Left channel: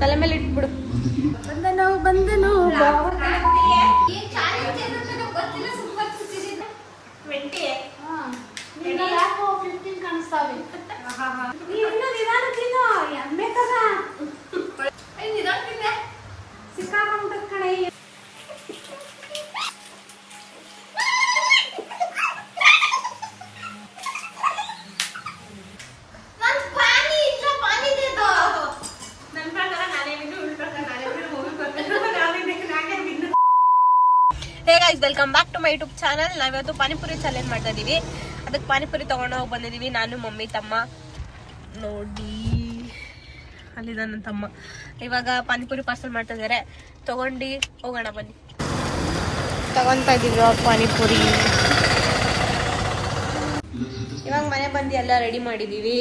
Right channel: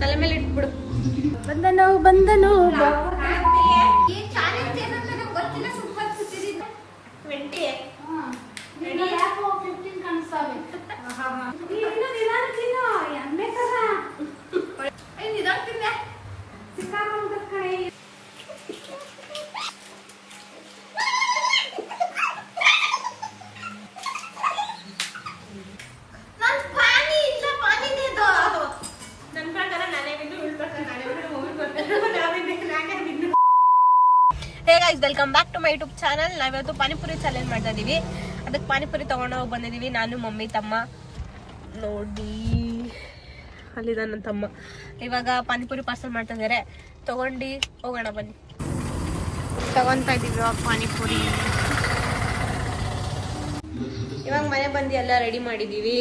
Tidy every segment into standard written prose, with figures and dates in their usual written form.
ತಲೆ ಮೇಲೆ ಇಟ್ಬಿಡು. ಬಂದನು welcome back to my YouTube channel. ನಾವಿವತ್ತು ಪಾನಿಪುರಿ ಚಾಲೆಂಜ್ ಮಾಡ್ತಾ ಇದೀವಿ. ಅದಕ್ಕೆ ಪಾನಿಪುರಿ ತಗೊಂಡೋಗಿ ಬಂದಿದೀವಿ. ನಾನು, ಮಮ್ಮಿ, ತಮ್ಮ. ನೋಡಿ ಅಲ್ಲಿದ ನನ್ನ ತಮ್ಮ. ಇವಾಗ ಪಾನಿಪುರಿ ಪಾರ್ಸಲ್ ಮಾಡ್ತಾ ಇದಾರೆ. ತಗೊಂಡು ಹೋಗೋಣ ಬನ್ನಿ. ತಗೊಂತಾ ಇದೀವಿ ಪಾನಿಪುರಿ. ಇವಾಗ ಮನೆ ಬಂದು ಎಲ್ಲ ರೆಡಿ ಮಾಡಿದೀವಿ.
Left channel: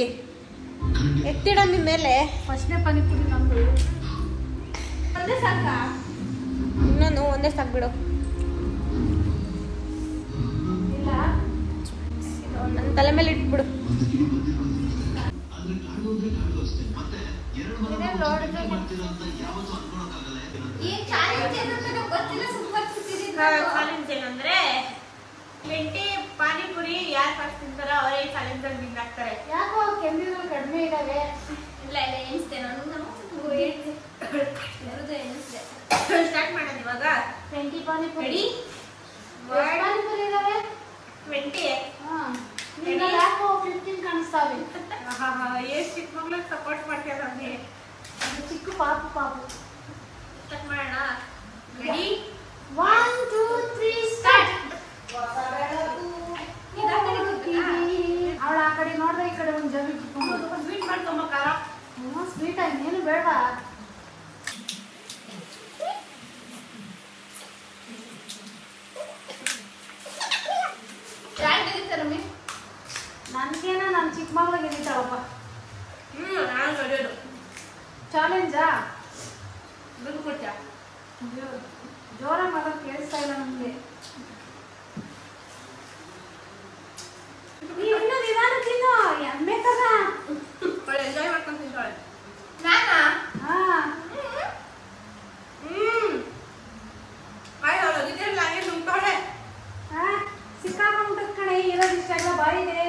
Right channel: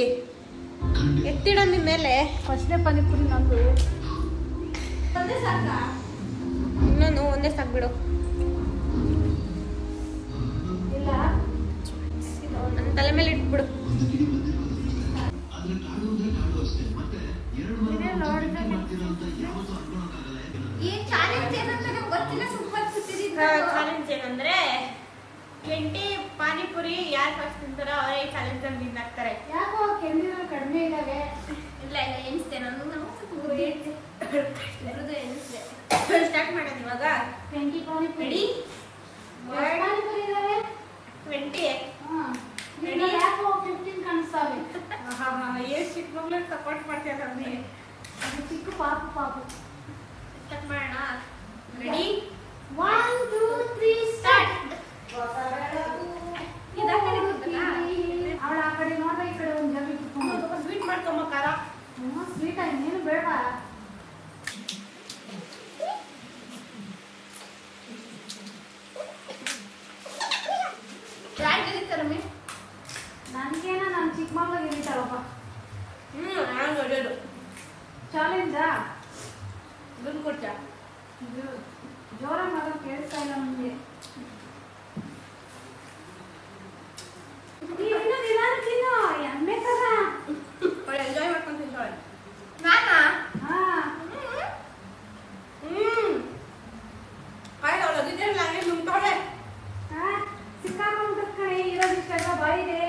ಎತ್ತಿಡ ನಿಮ್ಮ ಮೇಲೆ ಫಸ್ಟ್ನೇ ಪಾನಿಪುರಿ ನಮ್ದು. ಒಂದೇ ಸಾಕ? ಇನ್ನೊಂದು ಒಂದೇ ಸಾಕು ಬಿಡು. ತಲೆ ಮೇಲೆ ಇಟ್ಬಿಡು. ಚಾಲೆಂಜ್ ಏನಂದ್ರೆ 20 ಪಾನಿಪುರಿ ಯಾರು ಫಸ್ಟ್ ತಿಂತಾರೋ ಅವರೇ ಈ ಚಾಲೆಂಜ್ ಅಲ್ಲಿ ವಿನ್ ಆಗ್ತಾರೆ. ಯಾಕೋ ಕಡಿಮೆ ಇದಾವೆ. ಇಲ್ಲ ಎಣಿಸ್ತೇನೆ ನಾನು. ಸ್ಟಾರ್ಟ್ ಮಾಡೋಣ ಇವಾಗ. 20 ಪಾನಿಪುರಿ 20 ಚಿಕ್ಕ ಮಗ್ಳಿಗೆ ಸಪೋರ್ಟ್ ಮಾಡ್ತೀಯ ನಮ್ಗೆ. ಚಿಕ್ಕ ಪಾಪು ಸ್ಟಾರ್ಟ್ ಮಾಡೋಣ. Ready 1 2 3 start. ಅವಳ ಆ ಕಡೆ ನೋಡ್ದೆ ಈ ಕಡೆ ಒಂದು ಜನ ಸ್ವೀಟ್ ಮಾಡ್ಕೊಂಬ. ಖಾರ ಸ್ವೀಟ್ ಇನ್ನೇನು ಬೇಡವಾ? ನನ್ಗೇನ ನಮ್ ಚಿಕ್ಕ ಮಗಳಿಗೆ ಇದ್ದಾವಪ್ಪ. ನಾನು ಒಳ್ಳೆಯದು ಚಾಲೆಂಜಾ ದುಡ್ಡು ಕೊಟ್ಟ ಜೋರ ಮಗ ಕೇಳಿಸ್ತಾ ಇಲ್ಲ ನಮ್ಗೆ. ಎಂಜಾಯ್ ಮಾಡ್ಕೊಂಡು ತಿಂತಾಳೆ. ನಾನಾ? ನುಂಗ್ತಾಳೆ. ಸಿಕ್ಕಾಕೊಂಡ ಕಡೆ ಇರೋದಿಷ್ಟ ಎಲ್ಲ ಬಾಯಿದೆ.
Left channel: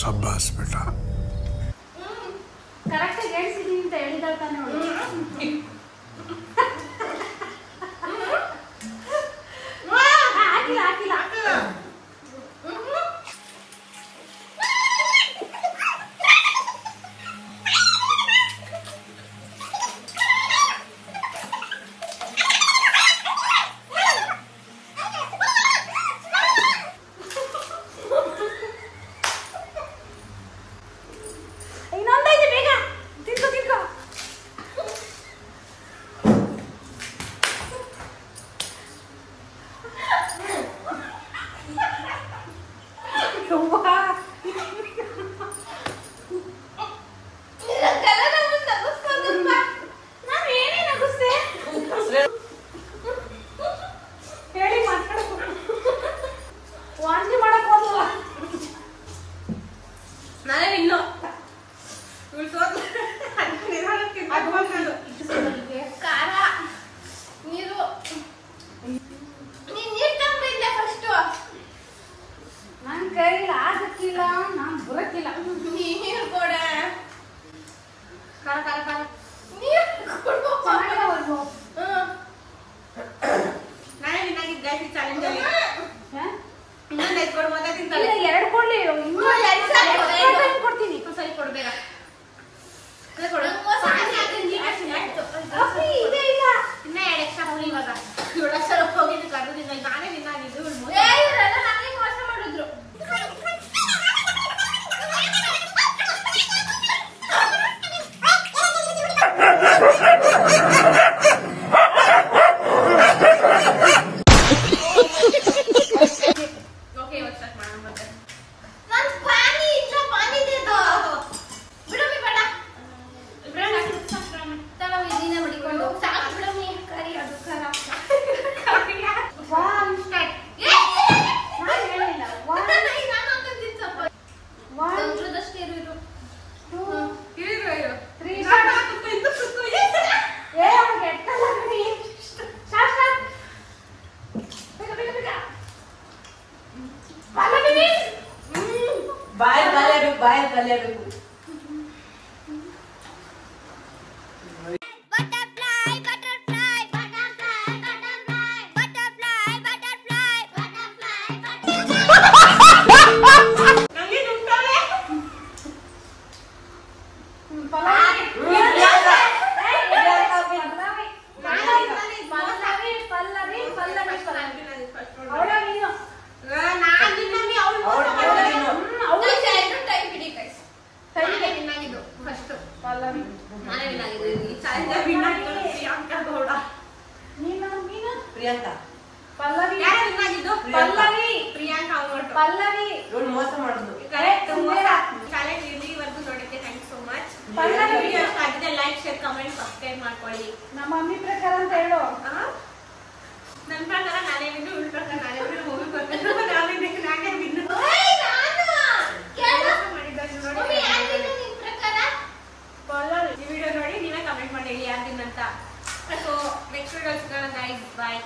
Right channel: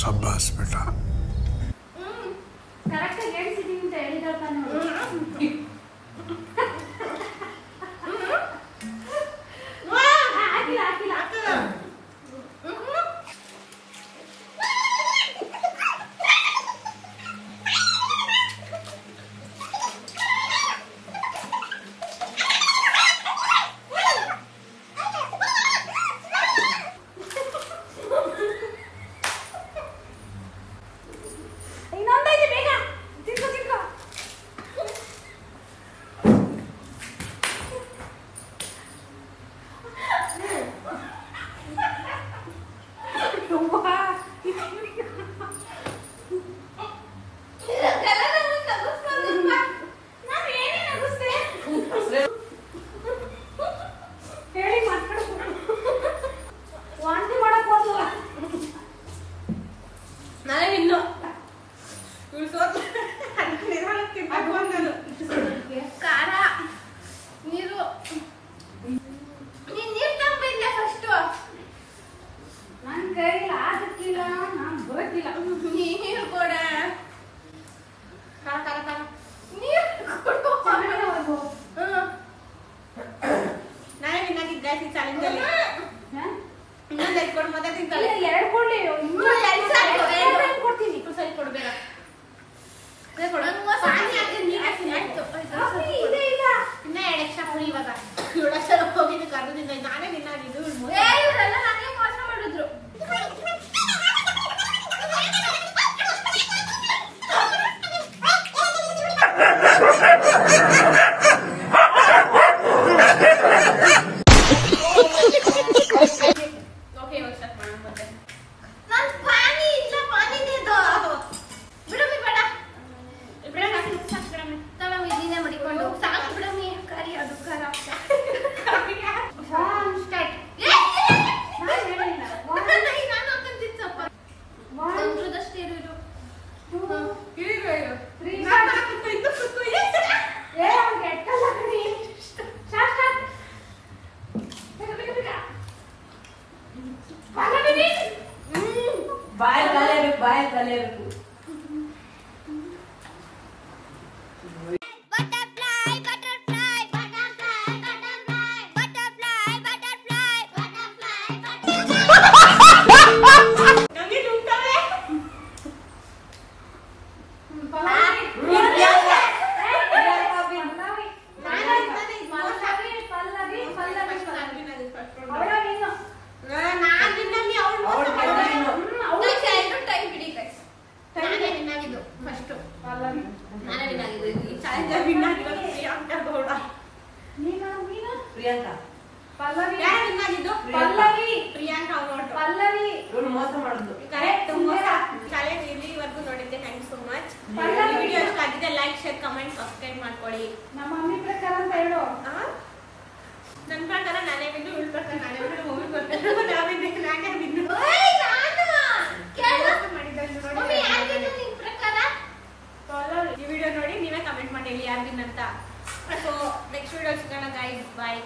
शाबाश बेटा. ಕರೆಕ್ಟ್ ಹೇಳ್ಸಿದೀನಿ ಅಂತ ಹೇಳಿದಾಳ ತಾನೆ. ಕೊಡು ಮತ್ತೆ ತಿಂತಾಳೆ. 2 ಕೊಡ್ಲಿ. ಕೊಡ್ತೀನಿ. ಸರಿ ಕೊಡ್ಬೇಕ. ಕೊಡು. ಇನ್ನ 2 ಎಕ್ಸ್ಟ್ರಾ ಪುರಿ ಇವಾಗ. 7 ಲಕ್ಷ ಹೋಗಿದ್ದು ಕರ್ದಿದ್ದ ನಾನೇ ತಿನ್ನಾಗಿದ್ದು. ಇವರೆಲ್ಲ ನನಗೆ ಮೋಸ ಮಾಡಿದ್ರು. ಲೈಕ್ ಶೇರ್ ಕಮೆಂಟ್ ಸಬ್ಸ್ಕ್ರೈಬ್ ಮಾಡ್ಕೊಳ್ಳಿ. ನಮ್ಮ ಮಮ್ಮಿ ಪ್ರಕಾರ ಅಂತ ಹೇಳು. ನನ್ನ ಪ್ರಕಾರ ನಾನೇ ಬಿದ್ದು, ಇವಳ ಪ್ರಕಾರ ನಾನೇ ಬಿದ್ದು, ಮಮ್ಮಿ ಬರ್ತಾರೆ ನಾನೇ ಬಿದ್ದು. ಈ ವಿಡಿಯೋ ನೋಡಿ ನೀವೇ ಕಮೆಂಟ್ ಮಾಡಿ ಹೇಳಿ ಯಾರು ಅಂತ. ಸೊ ನೆಕ್ಸ್ಟ್ ವಿಡಿಯೋ ಸಿಗೋಣ ಗೈಸ್, ಬಾಯ್.